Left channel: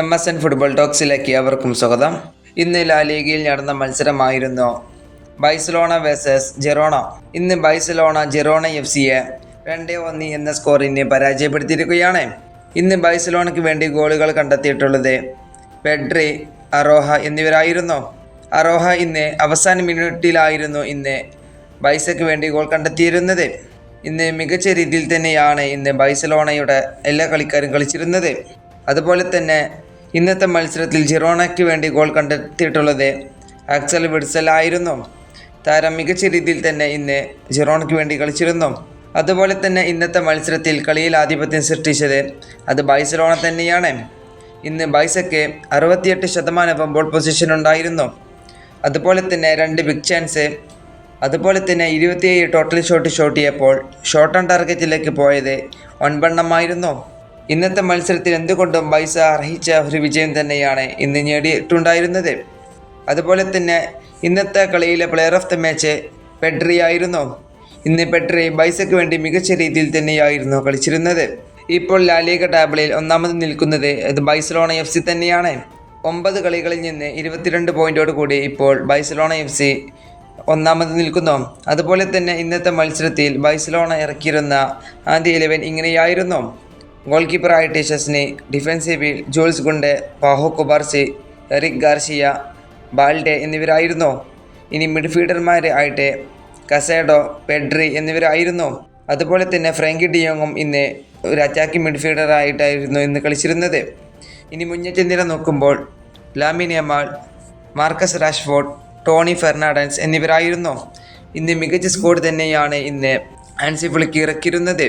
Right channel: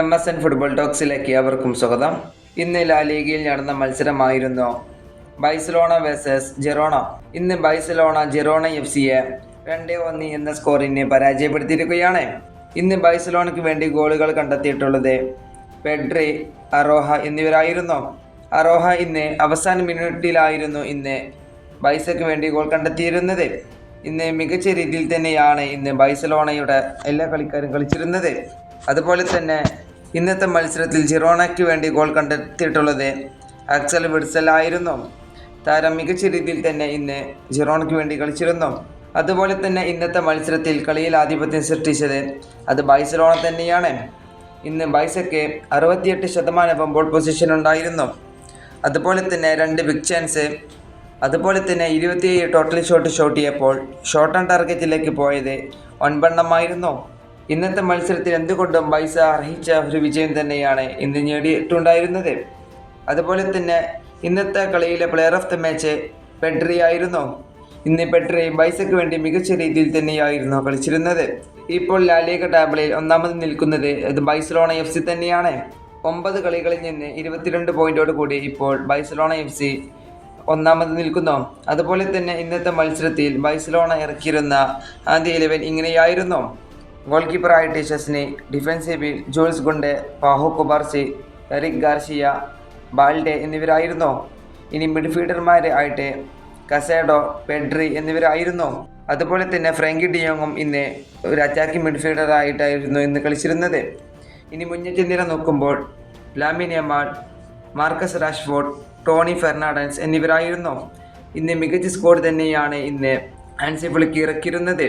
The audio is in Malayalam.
എം എസ് എൻ ഫുട്ബോൾ ടോക്സിലേക്ക് അവർക്കും സ്വാഗതം. ഇന്ന് ലാ ലീഗിൽ നടന്ന മത്സരമായിരുന്നു ബൈസലോണ വേഴ്സസ് ജെറോണ. ഇന്ന് ബൈസലോണ ജെറോണ എഫ് സിയെ രണ്ട് ഒന്ന് എന്ന സ്കോറിന് പരാജയപ്പെടുത്തിയിരിക്കുകയാണ്. ഇന്ന് ബൈസലോണയ്ക്ക് വേണ്ടി ഗോളുകൾ കണ്ടെത്തിയിട്ടുള്ളത് പെഡ്രി അറോഹ എന്നിവരായിരുന്നു. അറോഹ ഇന്ന് അവസാന മിനിറ്റിലായിരുന്നു ഇന്ന് ബൈസയ്ക്ക് വേണ്ടി ഗോൾ കണ്ടെത്തിയിരുന്നത്. ഇന്ന് മികച്ച രീതിയിൽ തന്നെയാണ് ഇന്ന് ബൈസലോണയുടെ എല്ലാ കളിക്കാരും കളിച്ചിരുന്നത്. അതുപോലെ തന്നെ ഇന്നത്തെ മത്സരത്തിൽ ജിറോണയ്ക്ക് വേണ്ടി ഗോൾ കണ്ടെത്തിയിട്ടുള്ളത് ആക്സൽ വിഡ്സൽ ആയിരുന്നു. താരം മികച്ച രീതിയിൽ തന്നെ ഇന്ന് ജിറോണയ്ക്ക് വേണ്ടി കളിച്ചിരുന്നു. അതുപോലെ തന്നെ ഇന്നത്തെ മത്സരത്തിൽ കളിയിൽ ആധിപത്യം സൃഷ്ടിച്ചത് അത് ബൈസലോണ തന്നെയാണ്. ഇന്ന് ബൈസയ്ക്ക് അറുപത്തിയെട്ട് ശതമാനം ബോൾ പൊസിഷൻ ഉണ്ടായിരുന്നു. അതുപോലെ തന്നെ രണ്ട് ബിഗ് ചാൻസ് അതുപോലെ തന്നെ ഇരുപത്തിയേഴ് ടോട്ടൽ ഷോട്ട് ഷോട്ട് ചെയ്യപ്പോൾ ഷോർട്ട് ഓൺ ടാർഗറ്റിലേക്ക് പോയത് ഒൻപെണ്ണമായിരുന്നു. ഇന്നത്തെ മത്സരത്തിൽ എന്തുകൊണ്ടും ബൈസ അർഹിച്ച ഒരു വിജയം തന്നെയാണ് ഇന്ന് നേടിയിട്ടുണ്ടായിരുന്നത്. അതുപോലെ തന്നെ ഇന്നത്തെ കളിയിലെ player of the match Pedri ആയിരുന്നു. ഇന്ന് പെഡ്രി ബൈസയ്ക്ക് വേണ്ടി മികച്ച രീതിയിൽ തന്നെയായിരുന്നു കളിച്ചിരുന്നത്. ഇപ്പോൾ ലാലിക ടാബിളിൽ ഒന്നാമത് നിൽക്കുന്നത് ഇത് ബൈസലോണ എഫ് സി തന്നെയാണ്. ഒമ്പത് കളികളിൽ നിന്ന് ഇരുപത്തിരണ്ട് പോയിന്റോട് കൂടി ഇപ്പോൾ ബൈസലോണ എഫ് സി ഒന്നാമത് നിൽക്കുന്നു. അതുപോലെ തന്നെ ഇന്നത്തെ മത്സരത്തിൽ ബൈസലോണ ഇറക്കിയിരുന്ന ആദ്യ ഇലവൻ ഇങ്ങനെയായിരുന്നു. ഗോൾ കീപ്പറായ Szczesny ഡിഫൻസീവിൽ Jules Kounde Pau Cubarsi Eric Garcia Balde എന്നിവരായിരുന്നു. ഇനി മിഡ്ഫീൽഡർമാർ ആയിട്ട് കസേഡോ പെഡ്രി എന്നിവരായിരുന്നു. അതുപോലെ തന്നെ ഫ്രാങ്കി ഡിയോങ്ങും ഇന്ന് ഒരു അറ്റാക്കിംഗ് മിഡ്ഫീൽഡറായിട്ടായിരുന്നു ഇന്ന് കളിച്ചിരുന്നത്. ഇനി മുന്നേറ്റ നിര നോക്കുമ്പോൾ Lamine Yamal Marcus Rashford Tony Fernandes എന്നിവരായിരുന്നു. ഇന്ന് മികച്ച സ്കോഡ് തന്നെയാണ് ഇന്ന് ആൻസി ഫ്ലിക്ക് ഇറക്കിയിരുന്നത്.